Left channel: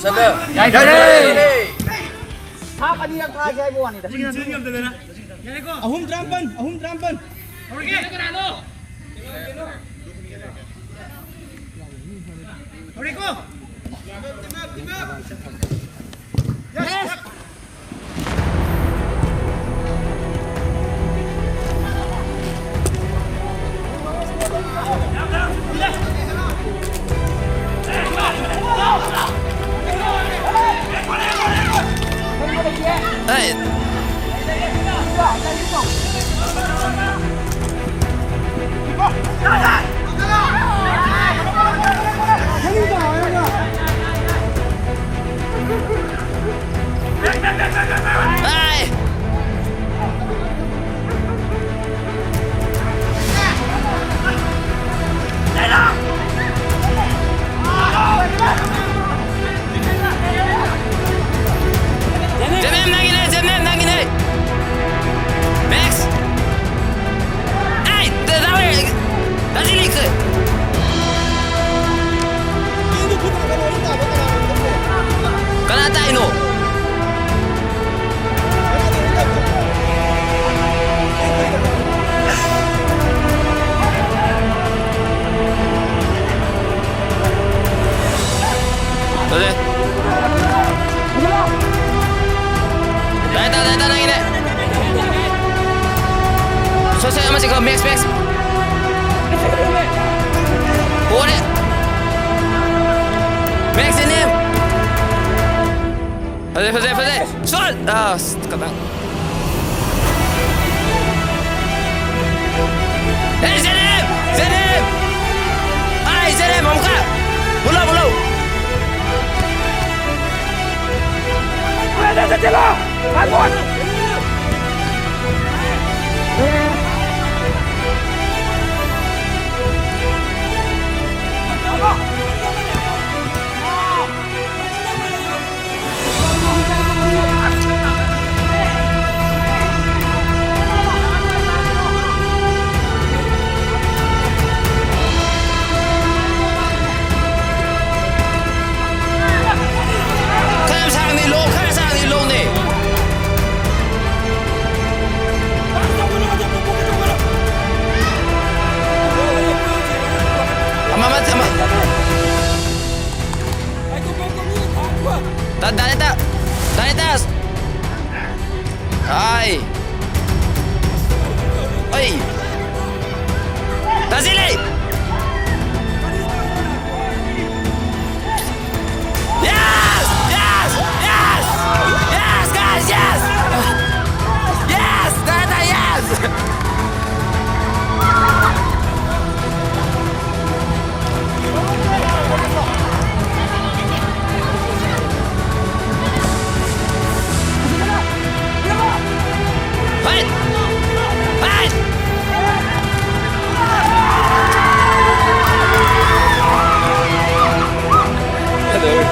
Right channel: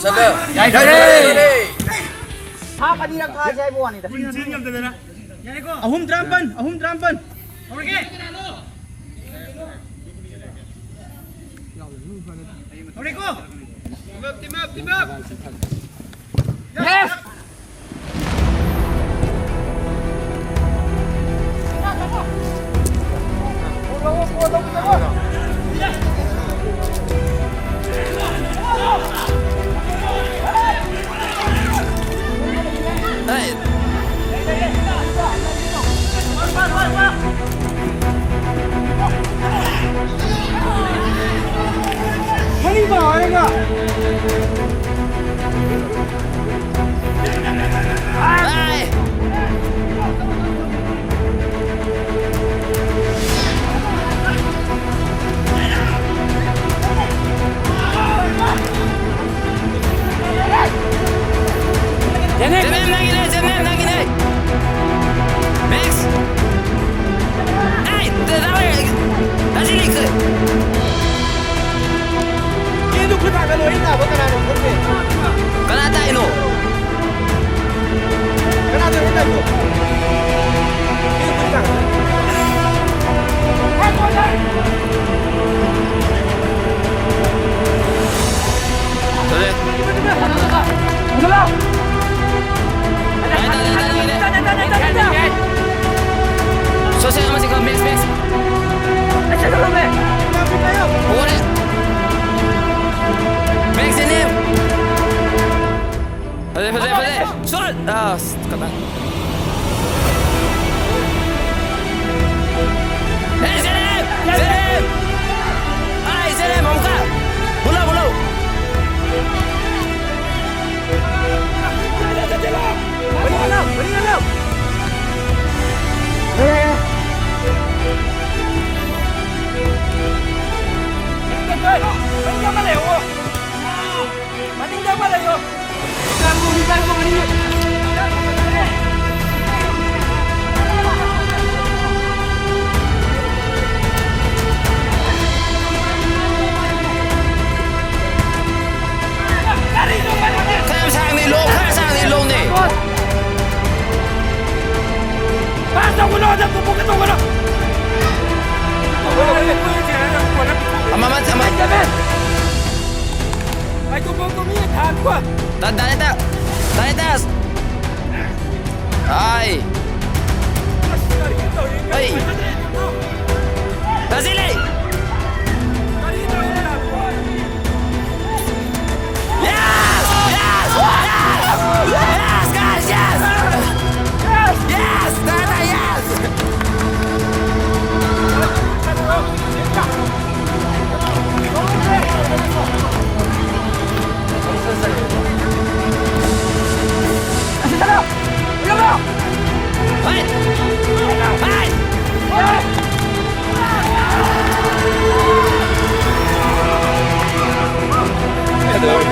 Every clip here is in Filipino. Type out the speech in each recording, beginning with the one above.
Sana. Ha kanina ka siya mo ani. Ahum drampan. Team up. Yes. Hey. Hey. Zenem nangin eh. Max. Hey, dah sini ke? Kanata ino. Boleh. Dah nangin eh. Selesai masih ke Max. Boleh. Max ini. Fazei. Sol! Ah, kadang. Hey, Zenem! Hai, Zenem, mau buka? Mulu. Kan sang ni long ni. Amat. Dari atas. Hai. Oi. Dah sini. Yes, guys, yes. Yes, yes. Hai. Aduh.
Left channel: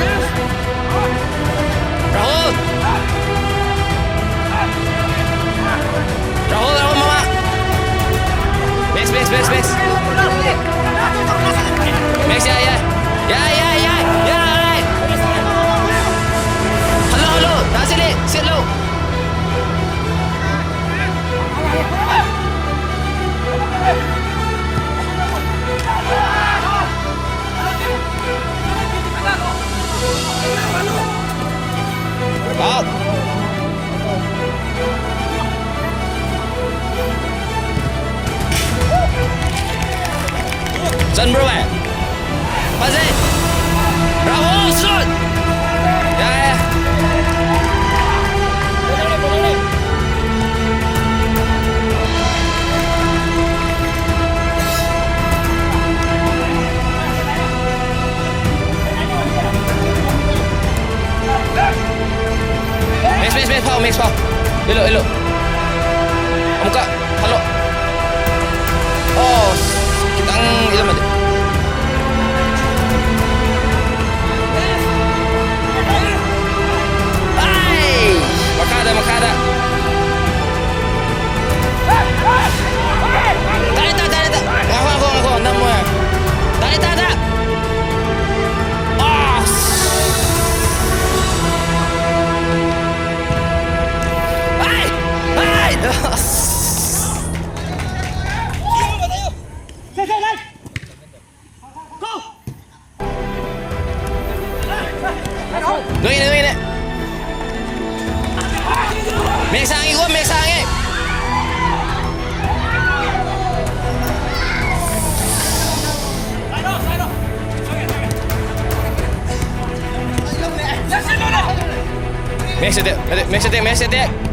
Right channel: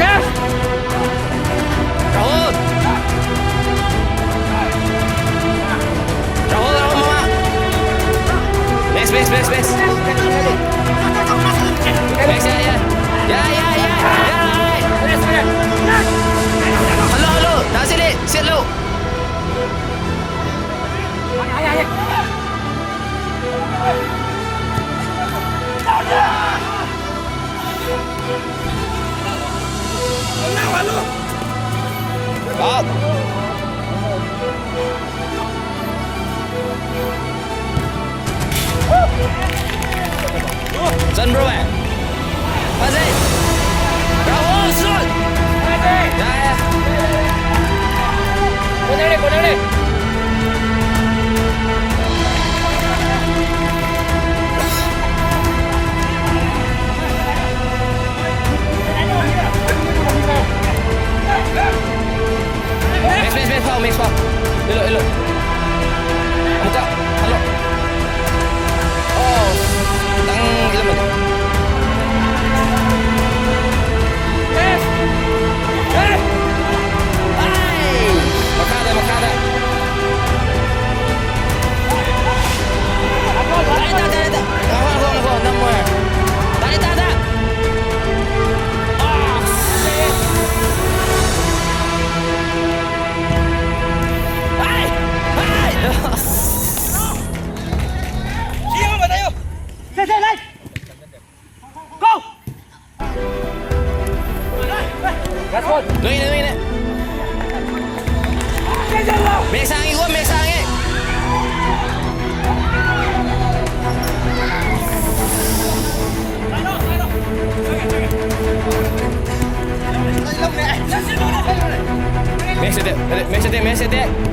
Yes. Rahul, mama. Max. Max, ya. Halo. Dah sini. Sit lu. Out. Dân bro eh. Pasti. Bravo, shoot. Ya. Boleh. Max, Pau. Elok. Buka. Halo. Oh, kitang ilam aja. Hai. Makada. Tarik. Mek sangi gua, mek sangi.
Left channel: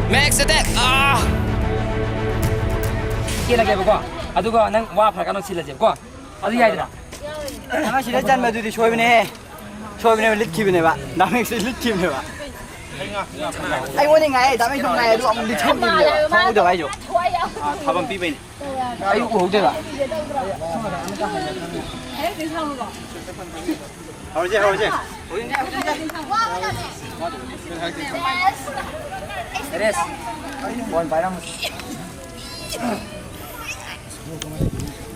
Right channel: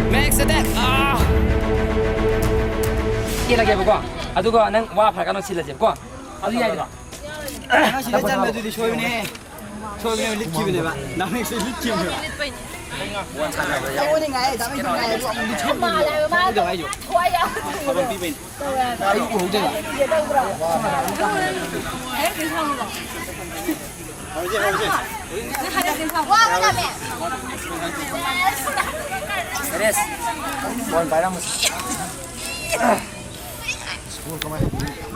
Max attack. Ah. Kira lagi apa? Aduga nang wa phar kanu sila jeb ko. Adu yai da. Ano sila dyan ba dito? Show ne. Show ne lit TV ne ba? Dami sila lit TV ne ba? Ay wala nga eh, dami ko nga eh, ang lit TV ne. Ano daw ayo? Habang pipin. Ay ko de ba? Teres. Bon bayram mo.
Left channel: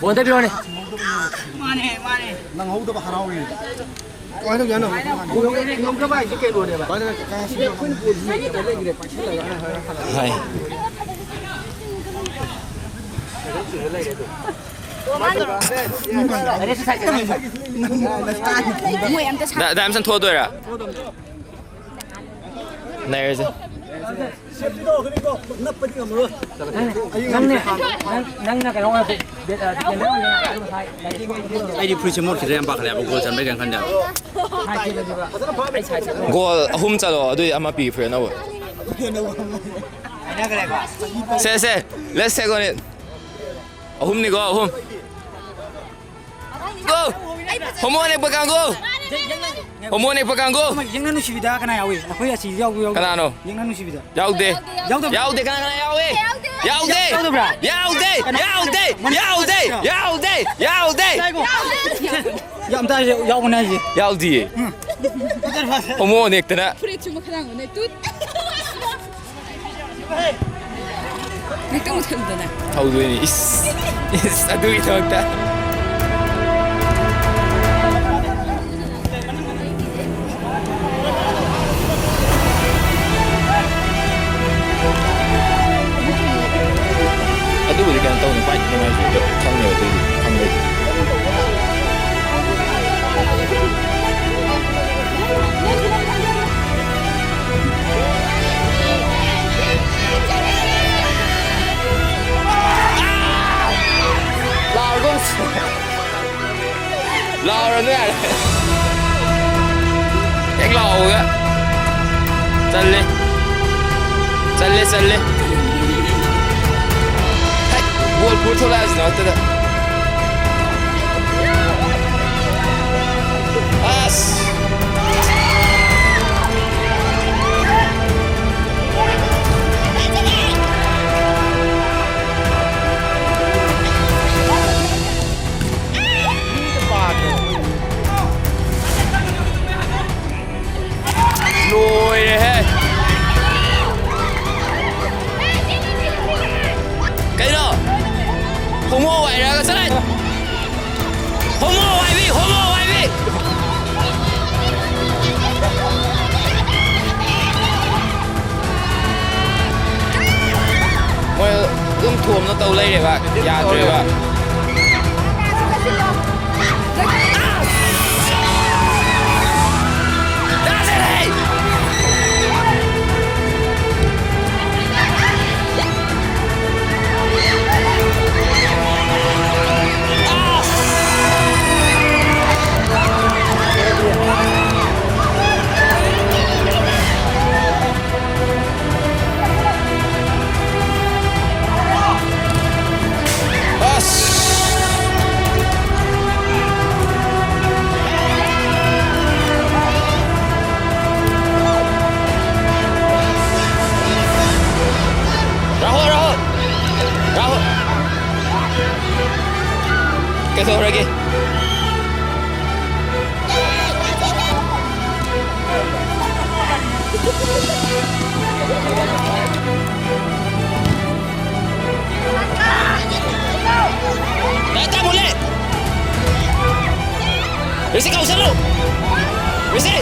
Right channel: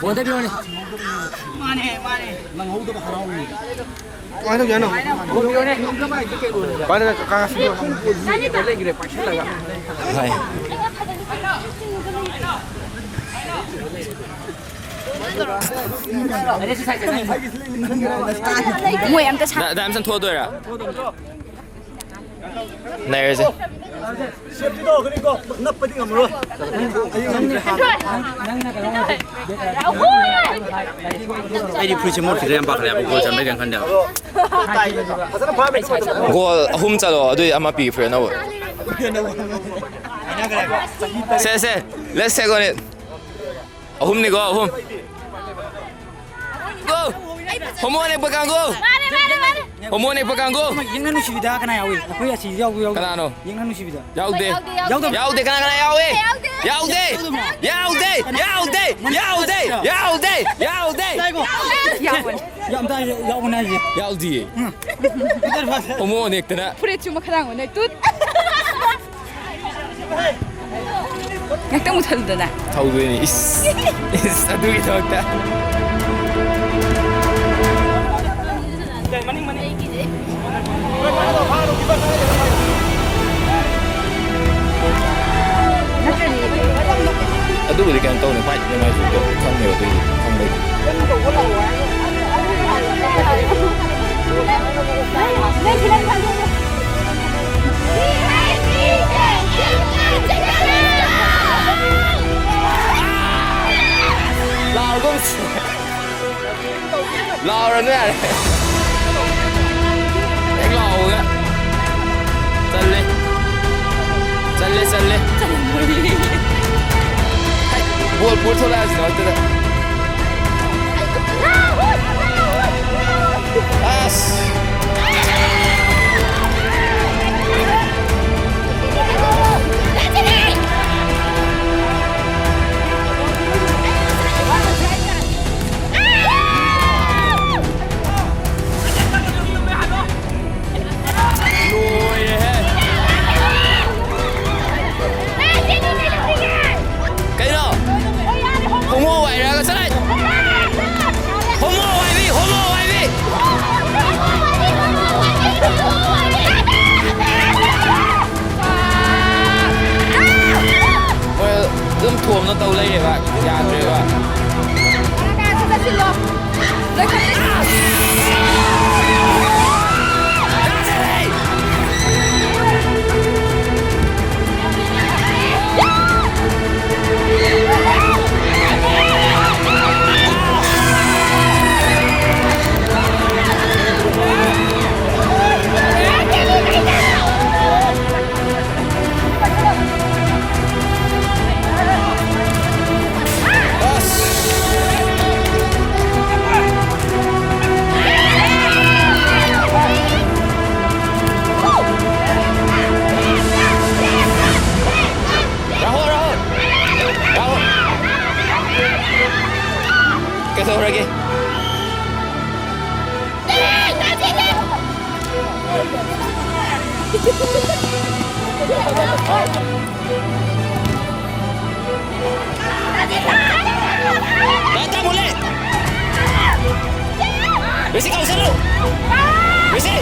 Bon de bione. Nang hawdo ba haraw ni? Ano yan? Nung ka ba ikay do ne ba? Para kakasli ako. Hai. Teres sai ka. Ngồi em ta sao? Đã em sân thua tôi à? Này rồi gì? Septo 그리고 napadi ka mo. Nang na ka long na. 아이디 프리즈 모드 그냥 박래 보고 잠배 그냥 간다. Goal ahum chalo adui ama pi friend awo. Se. Let's take on it. Ahum ni go ahum. Go. Homo ni pegang go. Homo ni pegang go. Yang nanu sibida kana yawi. Aku ya si yaw yaw. Kana no? Yang nanu sibida. Yaude. Yaude kana yaude. Yaude. Ya am ta yaw na ji. Yaude. Homo ni tana. 풀에 주목하는 거네 또. 약간 못하는데. Taudu ni is adui tawta. Adu budi kan tahu ni fight ni mai sudah kang ni waktu ini kang ni. Lao cũng lao rồi nữa à? Anh lao rồi á. Chân lên. Hay, bol pur thôi là gì nó thế đó. As. Lùi hết. Cái đó. Không mua vậy ra cái này. Không mua vậy đi. Ôi, ươm thuồm nó tàu lấy đấy bạn. Dạ rồi bạn. Rahul. Kesel lagi. Datang boleh. Risi kau selalu. Risi.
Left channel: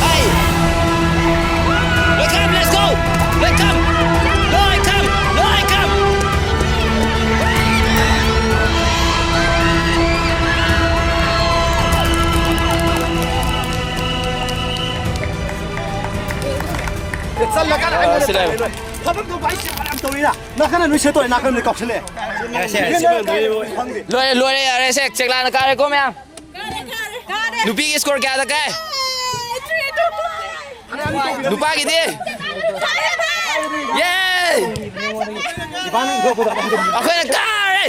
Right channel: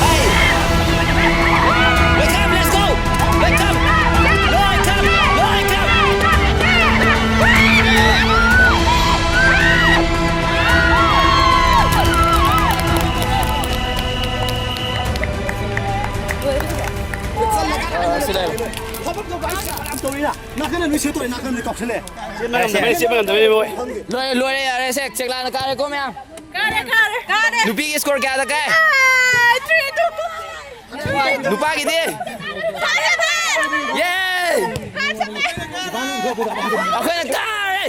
Hai. Let's go. Let's come. Loi come. Saan na สิเลย 他们都关系不多的，那可能你写多，那可能你搞起来。รวยเลยเช็คร้านกันเลยกูมั้ยดูปีสกอร์กันกันดูปากี่ทีเย้เอาขึ้นกันเลย